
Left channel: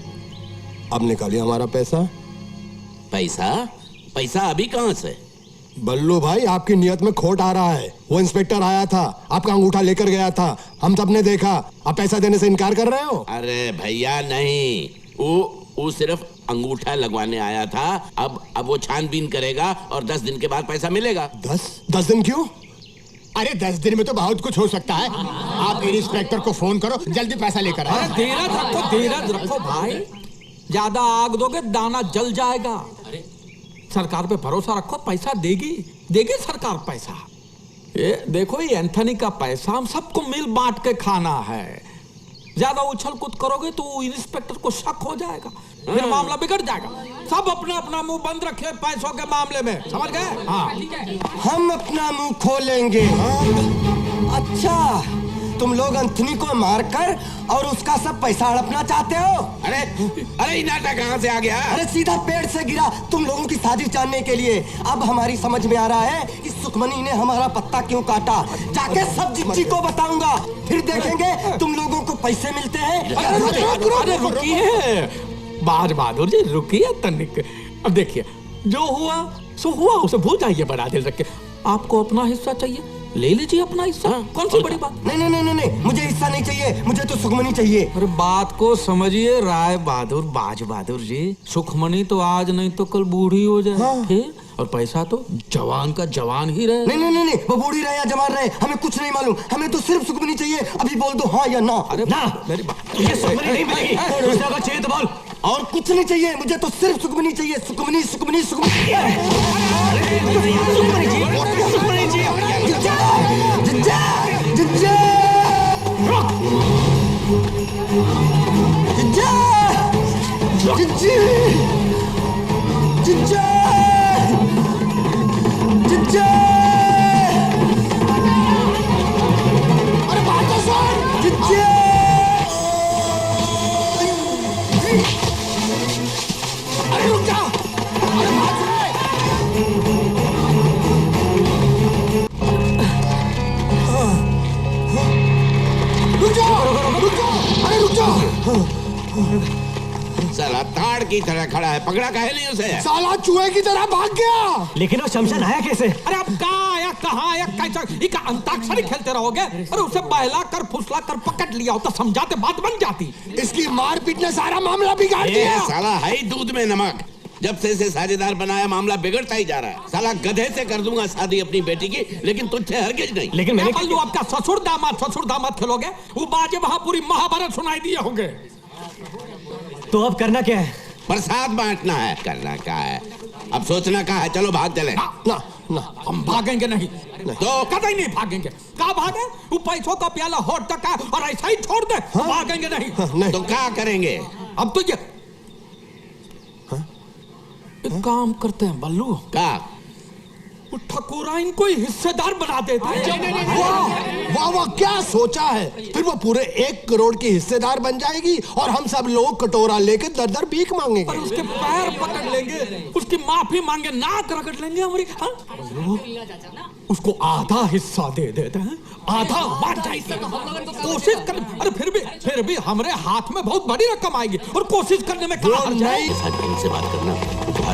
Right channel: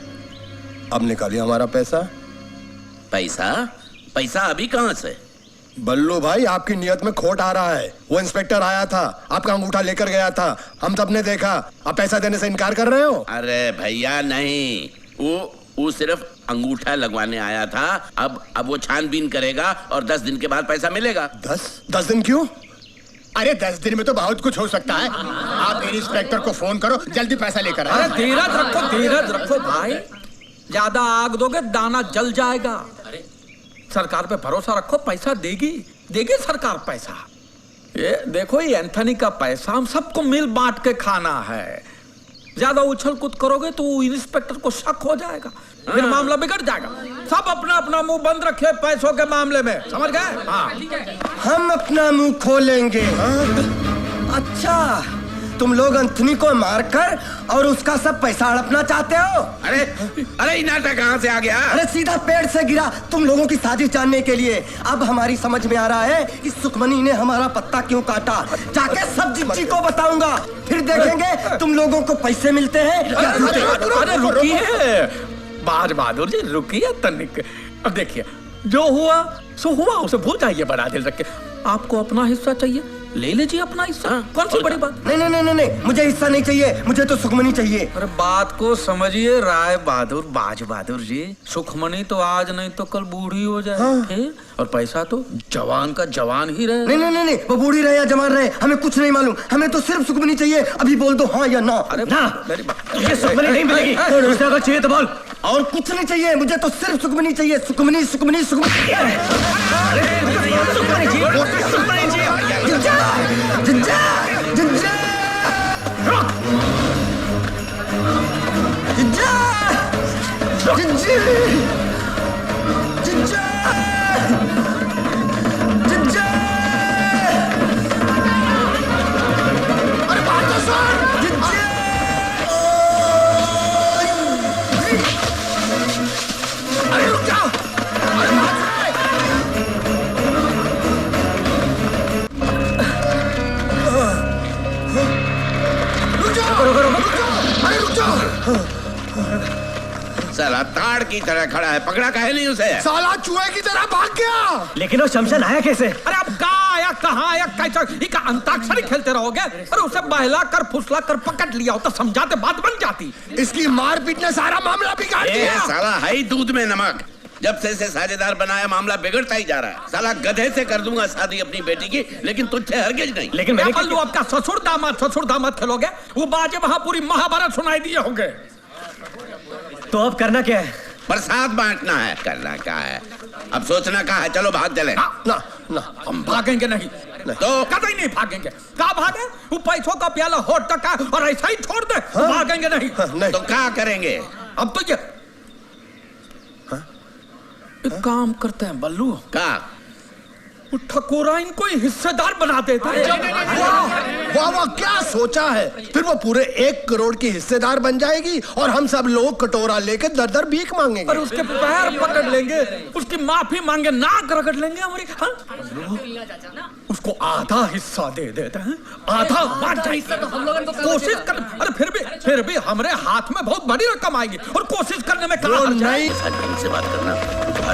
अब निकालिए हमारा पैसा। पैसा? पैसा अभी कहाँ से? बल्लू भाई, आपकी नियत में खोट आ रहा है। वो इंस्पेक्टर आया था, आपका अंगूठा लेकर गया था, हम सबने देखा। अब पैसा देने से इनकार कर रहे हो? अरे भैया नहीं, वो सिर्फ अंगूठा लगवाने आया था। अब वो छानबीन करेगा और 10 दिन के बाद पैसा मिलेगा। 10 दिन क्यों? अरे 10 दिन में तो बहुत कुछ हो सकता है। आप इंस्पेक्टर को फोन करो, जल्दी पैसा लेकर आओ। अरे धीरज रखो भाई, ज्यादा आग दोगे दाना जल जाएगा। सरकार पे भरोसा रखो, पैसा देगी सरकार पैसा। ये देखो, ये एंथनी का पैसा हम सबको मिल बांट के खाना है। ज्यादा उछल कूद करोगे तो इंस्पेक्टर को शक हो जाएगा, फिर मामला बिगड़ जाएगा। सब अपना अपना मुंह बंद रखे पैसों के मामले में, समझ गए? हाँ। हम अपना मुंह खोलेंगे। अच्छा, तुम लोग एंथनी को मारकर और उसका सब पैसा हड़पना चाहते हो? अरे ये नाटक कहाँ से आ गया? अरे सीधा पेड़ से गिरा, तुम लोगों की साजिश जानने के लिए। अब हमारी समझ में आ रहा है कि सुखमनी ने हमारा पत्ता क्यों काटा। जाके सब जिज्जी को बताऊंगा, फिर देखेंगे तुम लोगों को पैसे मिलते हैं। अरे रुकिए बाज बहादुर जी, रुकिए तनिक। अब देखिए, जो हुआ सो हुआ, उसे भूल जाइए बड़ा दिल रख के। आपको अपना हिस्सा चाहिए, ले लीजिए अपना हिस्सा। कौन सी बड़ी बात? नहीं, मुझे हिस्सा नहीं चाहिए, मुझे तो सुखमनी चाहिए। अरे बात को समझिए राय बहादुर, बाज बहादुर जी। सुखमनी तो आज नहीं तो कल बूढ़ी हो जाए। हाँ। और पैसा तो जवान का जवान ही रहे। नहीं, वो बूढ़ी रहे या जवान रहे, हमें कुछ नहीं मालूम। हमें तो सिर्फ सुखमनी चाहिए। अभी बोल दो हाँ या ना। अरे ना, मेरी बात, ये सुखमनी नहीं मिलेगी। अगर चाहिए तो बोल। और कुछ नहीं चाहिए, मुझे तो सिर्फ सुखमनी चाहिए। सुखमनी। अरे बात तो सुन। अरे रुक जाओ। अरे बात सुन। रुक जाओ। साला ताड़ की तरह खड़ा है, पकड़ा काहे नहीं उसे? साला चूहे की तरह भाग गया। लेकिन वो शमशान आया कैसे? अरे अब कहाँ आया, कहाँ आया, कैसा? इका अंताक्षरी खेलते रहोगे? अरे उसे बहला कर फुसला कर पकड़ लिया होता, समझाते बात बन जाती। इसकी मारपीट ने सारा मामला बिगाड़ दिया। साला है ही दूध में नमक। जब से इसे साझेदार बनाया, मामला बिगड़ता ही जा रहा है। साला गधे से कर दूंगा शादी अपनी बेटी की, लेकिन तुझसे हरगिज नहीं। लेकिन मैंने बल्लू, आपका ससुर दामाद खेलोगे? वो बाजे वहां पूरी महाभारत सुनाई दिए होंगे। तो अब करना क्या है? प्रसाद बांटना है। करना क्या है? अब सोचना क्या है? चलो भाग चले। ना, हम भागेंगे नहीं। तो कतई नहीं भागेंगे। कहाँ भागे? वो पैसों का प्याला होठ तक है और ऐसा ही छोड़ दे। भागेंगे नहीं। तो क्या करेंगे? अब तो ये एक काम करते हैं बल्लू, क्या? वो ठकुरा इनको हिस्सेदार बना देते हैं। वाह वाह, क्या सोचा है? फिर वो पूरे 1 करोड़ की हिस्सेदार बन जाएगी और हम सब लोग कटोरा लेके दर दर भीख मांगेंगे। और उसके पैर पकड़ लेंगे, उसकी माफी मांगे, नाक रगड़ लेंगे हमारी। हाँ? उसको आधा हिस्सा दे देते हैं, आधा बांट जाएगी। कोशिश कर। अरे फिर भी हमारे हाथ में बहुत बड़ी रकम आएगी और कोशिश करने में कहाँ हर्ज है? ढंग से बात करना,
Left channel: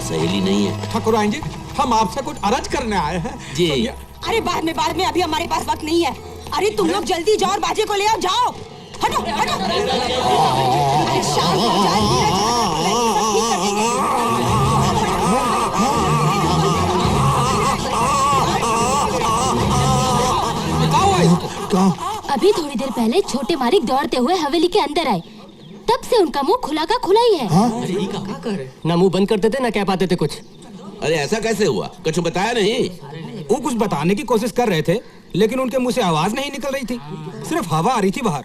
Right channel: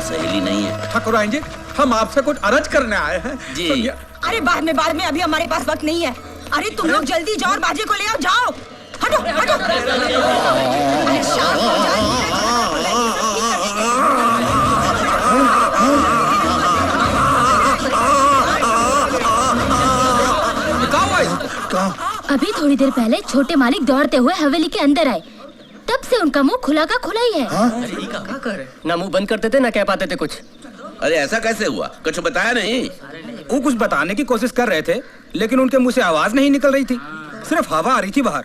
सहेली नहीं है। ठकुराइन जी, हम आपसे कुछ अर्ज करने आए हैं जी। अरे बाद में, अभी हमारे पास वक्त नहीं है। अरे तुम लोग जल्दी जाओ और बाजे को ले आओ। जाओ, हटो। अरे शांत हो अभी थोड़ी देर पहले छोटे मालिक दौड़ते हुए हवेली के अंदर आए, तब से उनका मुंह खुला का खुला ही है। ना मुंह बंद करते थे ना कह पाते थे कुछ। अरे ऐसा कैसे हुआ, कुछ बताया नहीं? वो कुछ बताने की कोशिश कर रहे थे, लेकिन उनके मुंह से आवाज नहीं निकल रही थी, सिर्फ हवा आ रही थी बाहर।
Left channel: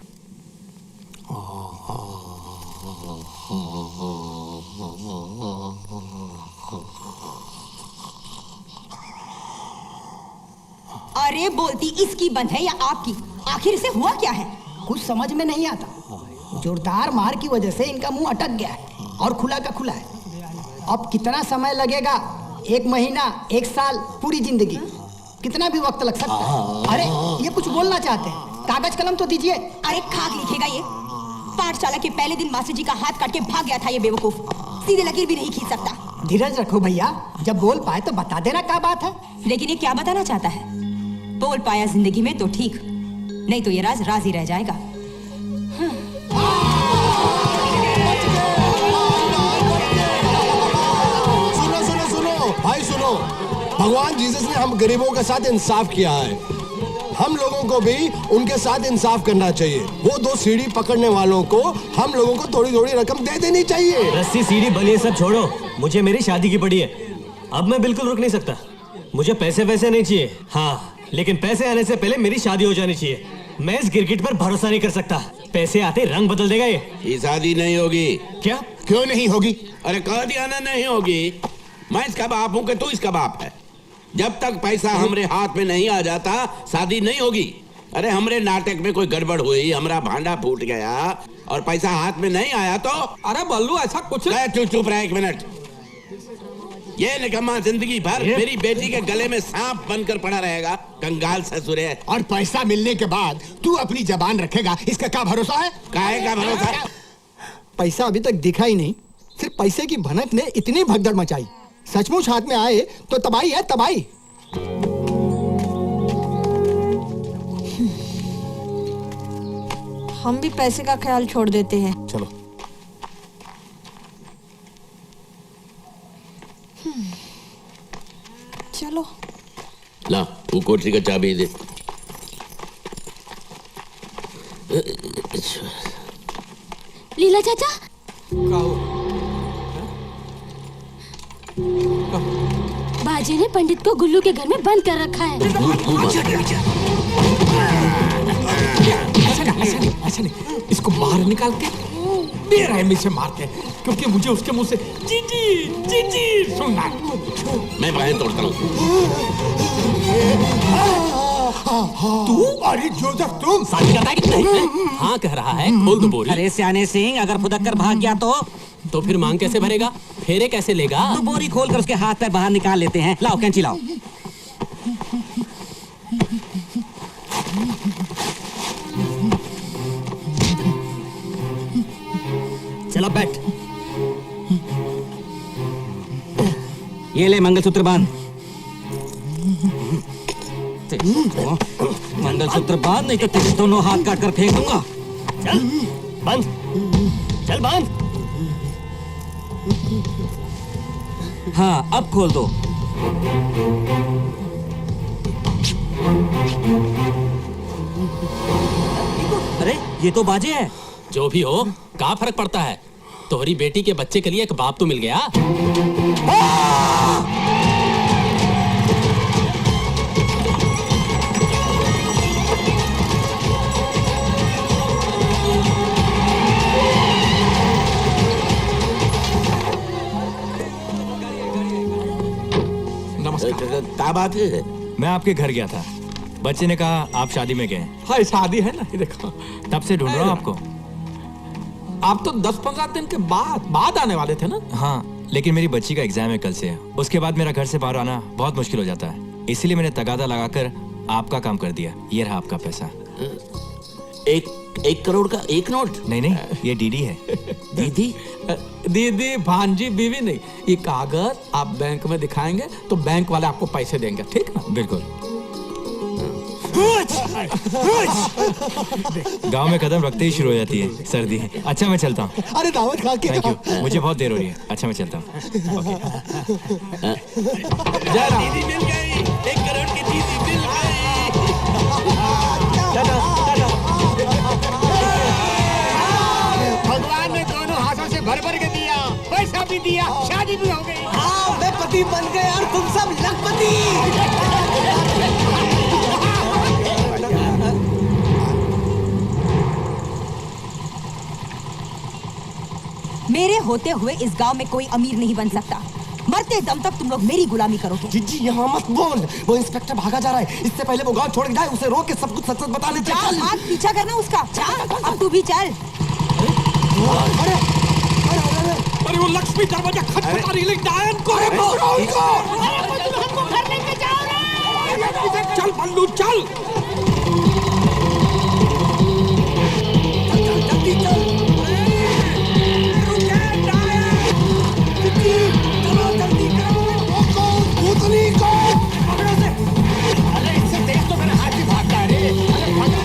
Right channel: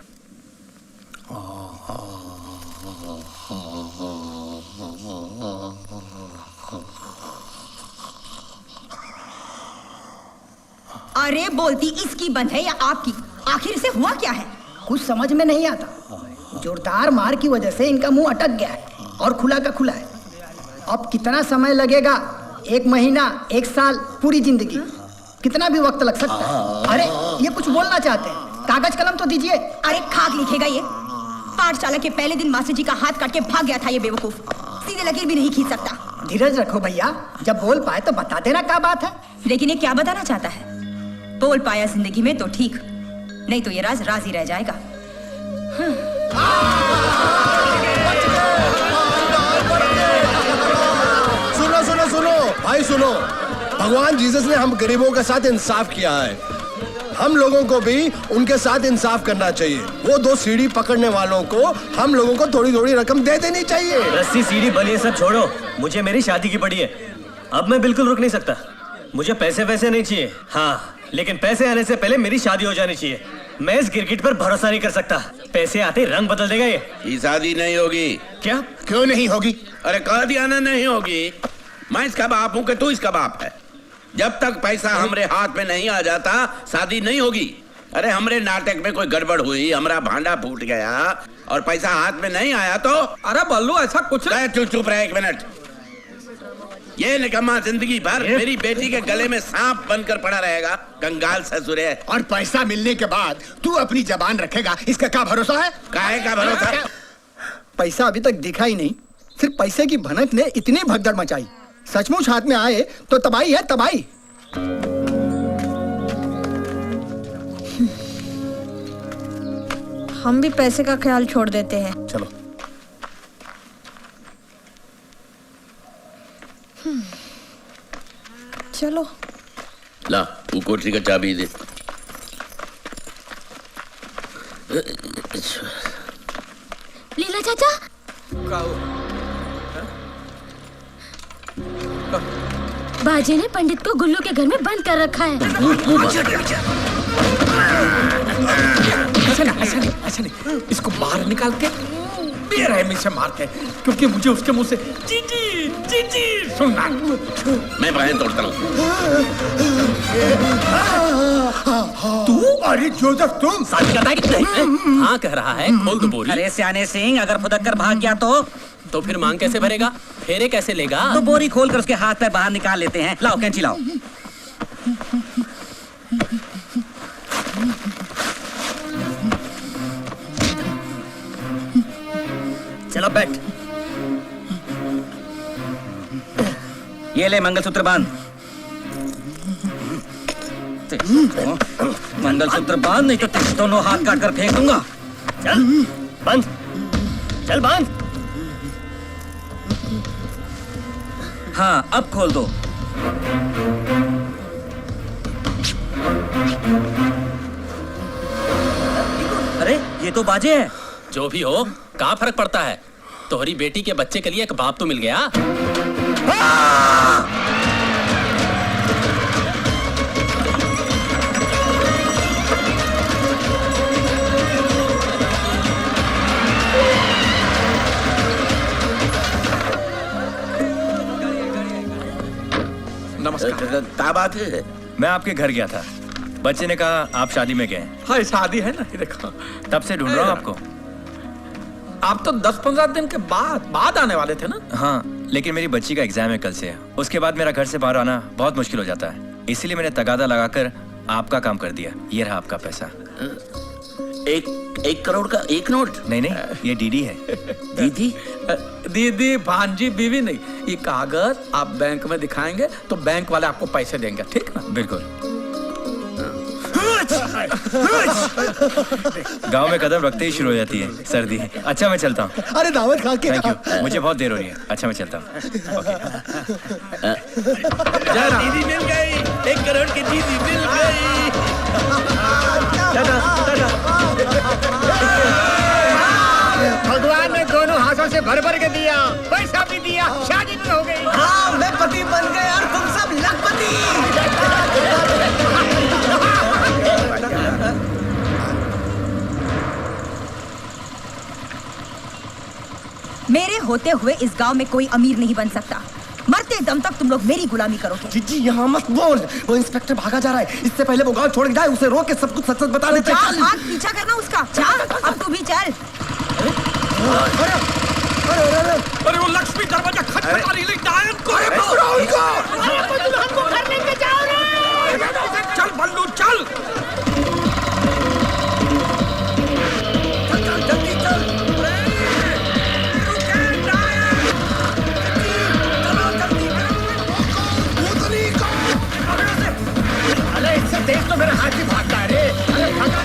अरे बोलती इसकी बंद है या आपकी? आखिर इसे हुआ क्या है? कुछ समझ में नहीं आता। जोरदार मार की वजह से इनका मुंह अटक गया है और खुला का खुला है। अब कितना समय लगेगा? 1 महीना, 1 साल, पूरी जिंदगी, कितना भी वक्त लग सकता है। अरे ये कुछ बोलना चाहते हैं, कागज कलम तो दीजिए। अरे खाक लिखेगा ये। पाठशाला के पहले दिन मास्टर जी का हाथ काट के भाग गया था ये बेवकूफ, सीधे लकीर भी नहीं खींच सकता। धीरज रखो भैया, जब बोल पाए तो बता देना क्या बात है। लेकिन ये क्या बताना चाहता है? बोल पाया जिंदगी में तो ठीक, नहीं तो ये राज राज ही रह जाएगा। सुनो सुनो सुनो भाई सुनो, भगवान जीसस ने हम गरीबों के साथ इंसाफ किया है, हम लोगों को भी उनके साथ इंसाफ करना चाहिए। वो 2 सीढ़ी पकड़ने वालों को हम लोगों को थोड़ी थोड़ी रकम दे देनी चाहिए। रस्सी सीढ़ी बलिए सब छोड़ो, मुझे मेरी शादी की पड़ी है। अब मैं बिल्कुल रुक नहीं सकता। मुझे पैसे वैसे नहीं चाहिए, हाँ, लेकिन पैसे आने से पहले मेरी शादी हो जानी चाहिए। मैं इस गिरगिट पर भरोसा नहीं कर सकता, पैसे आते रंग बदल देगा ये शादी नहीं होगी। क्या? क्यों नहीं होगी? अरे कह दिया ना नहीं होगी। मैं इसका बाप हूं कि तू इसका बाप है। जब तक पैसा हमरे हाथ में नहीं आ जाता शादी नहीं होगी। अरे हमरे नाटक में कोई गड़बड़ हुई, हमारा भांडा फूट गया और पैसा हाथ में नहीं आया तो? अरे बल्लू ऐसा कुछ चुप रहा 1 मिनट। ये निकम्मा जिंदगी भर मेरी बेटी के गले में सांप बनकर पड़ा रहेगा, कंगाल ससुरे। और पैसा मिलने के बाद तू अपनी जबान रखेगा, इसका क्या भरोसा है? काहे का भरोसा? पैसा अभी तक दिखा ही नहीं, सिर्फ पैसे की भनक ने इतनी भगदड़ मचाई। सचमुच हाथ में आए तो तबाही है तबाही। हम भी पैसे का ख्याल छोड़ देते हैं। चलो चलो ला वो कोठरी का चाबी दे। लीला चाचा, बाजे ने पंडित को गुल्लू के घर में बंद कर रखा है। ऐसा नहीं, इसको बाहर निकाल के बेरहमी से मारते हैं, क्योंकि मुझे उसके मुंह से चींटी चींटी सुनना। मैं बाहें तोड़ता हूँ। तू? अरे जोसेफ तुम? शादी करता है कि नहीं? हाँ कह रहा है, खोल दो बोरी। अरे सियाने सिंह, अगर फुदक कर भाग गया तो फिर मांग कैसे भरेगा, फेरे कैसे लेगा? तो बोरी खोल कर उसके हाथ पैर बाहर निकाल लेते हैं। लाओ कैंची लाओ। चलो बैठ। ये ले मंगलसूत्र बांध। मंगलसूत्र बांध, नहीं तो तेरे दोनों हाथ काट कर फेंक दूंगा। चल बांध, चल बांध। हाँ अब खोल दो। अरे ये तो बाजे है। जो भी हो, क्या फर्क पड़ता है? तोहरी बेटी के बच्चे के लिए एक बाप तो मिल गया। नमस्कार। क्या बात है? मैं आपके घर गया था, बच्चे ने कहा आप शादी में गए। हाँ शादी है ना, ये देखो। तब से ढूंढ रहा हूँ आपको। आप तो 10-15 दिन के बाद आने वाले थे ना? हाँ, लेकिन मेरी बच्ची का एग्जाम है कल से। उसके बाद मेरा घर से बाहर आना बहुत मुश्किल हो जाता है, इसीलिए मैंने तगादा लगाकर आपका काम कर दिया। ये रहा आपका पैसा। 1 करोड़ का 1 नोट? नहीं, ये डीडी है। दीदी? दीदी, भांजी, बीवी नहीं। ये कागज आप बैंक में दिखाएंगे तो बैंक वाले आपको पैसे देंगे, ठीक ना? बिल्कुल। गांव में कदम रखते ही शुरू हो जाती है सर्दी। अच्छा मैं चलता हूँ। अरे दावत खा के। थैंक यू, मुझे बहुत देर हो रही है। अच्छा मैं चलता हूँ। दीदी मिल गई, 1 करोड़ की दीदी मिल गई। भगवान ने से भर भर के दिया, पैसा भी दिया, शादी भी हो गई। हाँ, मैं पति बन गया और तुम सब लखपति। मेरे होते हुए इस गांव में कोई अमीर नहीं बन सकता। मरते दम तक तुम लोग मेरी गुलामी करोगे। जीजी यहाँ मत बोल, वो इंस्पेक्टर भागा जा रहा है। इससे पहले वो गांव छोड़ के जाए, उसे रोक के सब कुछ सच सच बता दे। जा, भाग, पीछा करना उसका। जा, अब तू भी चल। अरे वो लक्ष्मी दरवाजा खटखटा रही है, डायन को हमको घर लेके जाओ रे। चल बल्लू चल। जल्दी चल। अरे इससे तेज तो मेरा हाथी भागता है रे। अरे भागा।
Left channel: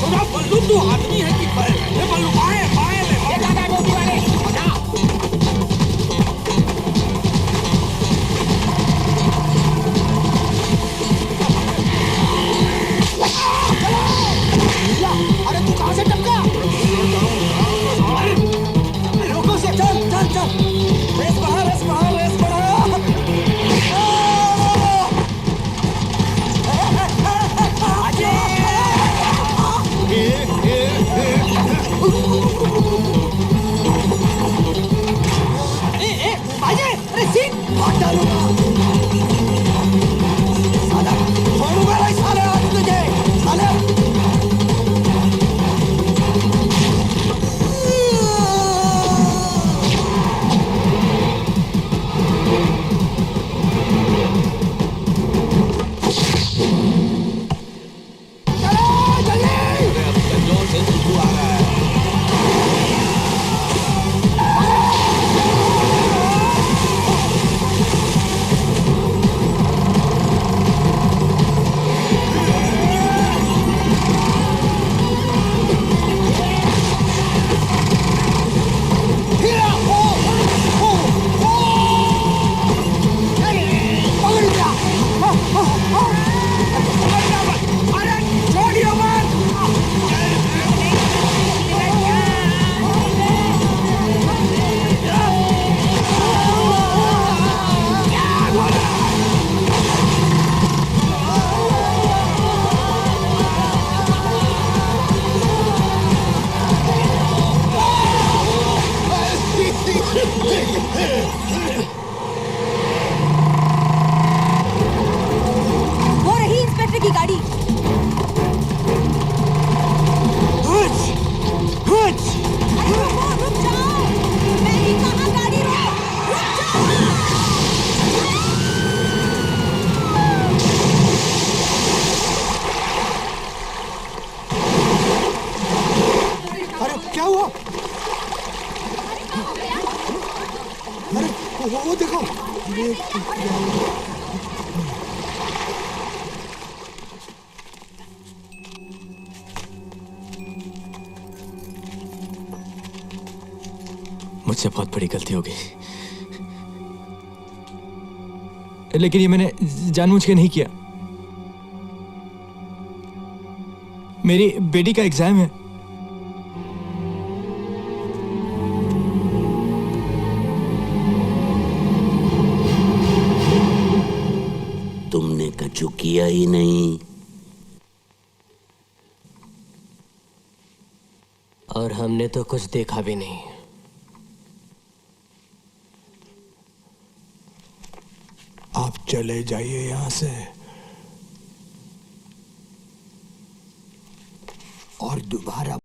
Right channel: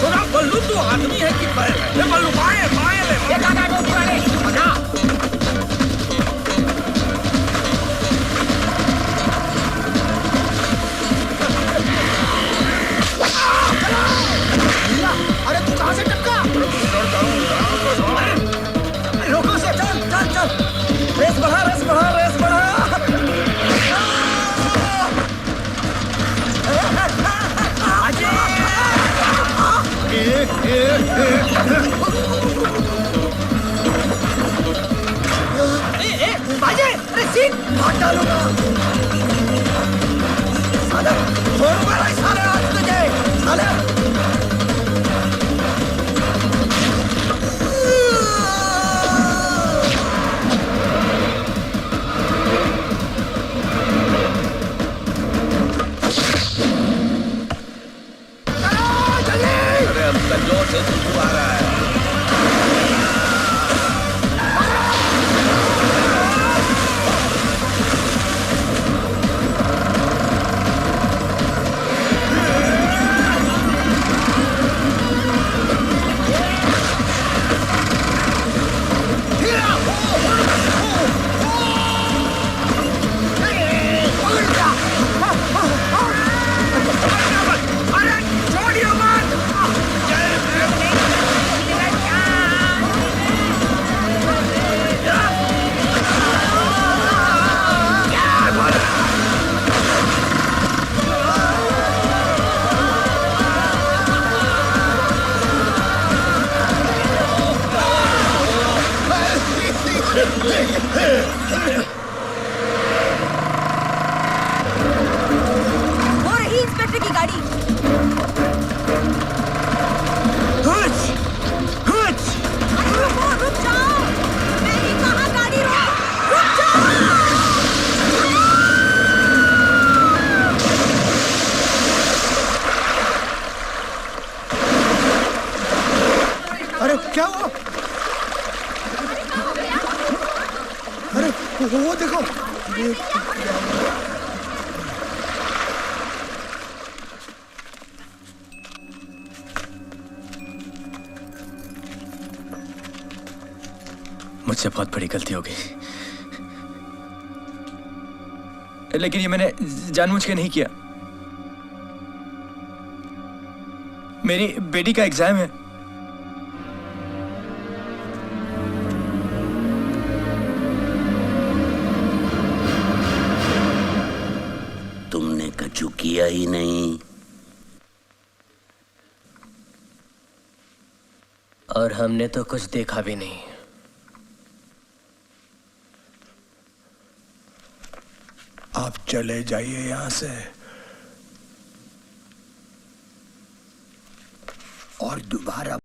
सुना बल्लू, तू आदमी है कि बैल है? ले बल्लू, बाएं बाएं ले। ये दादा टोपी वाले, भागा। अरे तू कहां से टपका? रोको से, चल चल चल। रेस बढ़ा, रेस बढ़ा, रेस बढ़ा। बाजे, अरे सीट भाग डालूंगा। साले, छोड़ूंगा नहीं साले आज तुझे, साले। जोर से सुसु आ रहा है। वो रही इंस्पेक्टर की गाड़ी। अरे रुक जाओ, मैंने कहा गाड़ी रुक जाओ। अरे क्या हुआ? अरे वो देखो। मुझसे बहुत बड़ी गलती हो गई, लेकिन ये मैंने जानबूझ के नहीं किया। मेरी बेटी का एग्जाम है। तुमने कछु किया ही नहीं। और हमने तो कुछ देखा भी नहीं। आप चले जाइए यहां से और दोबारा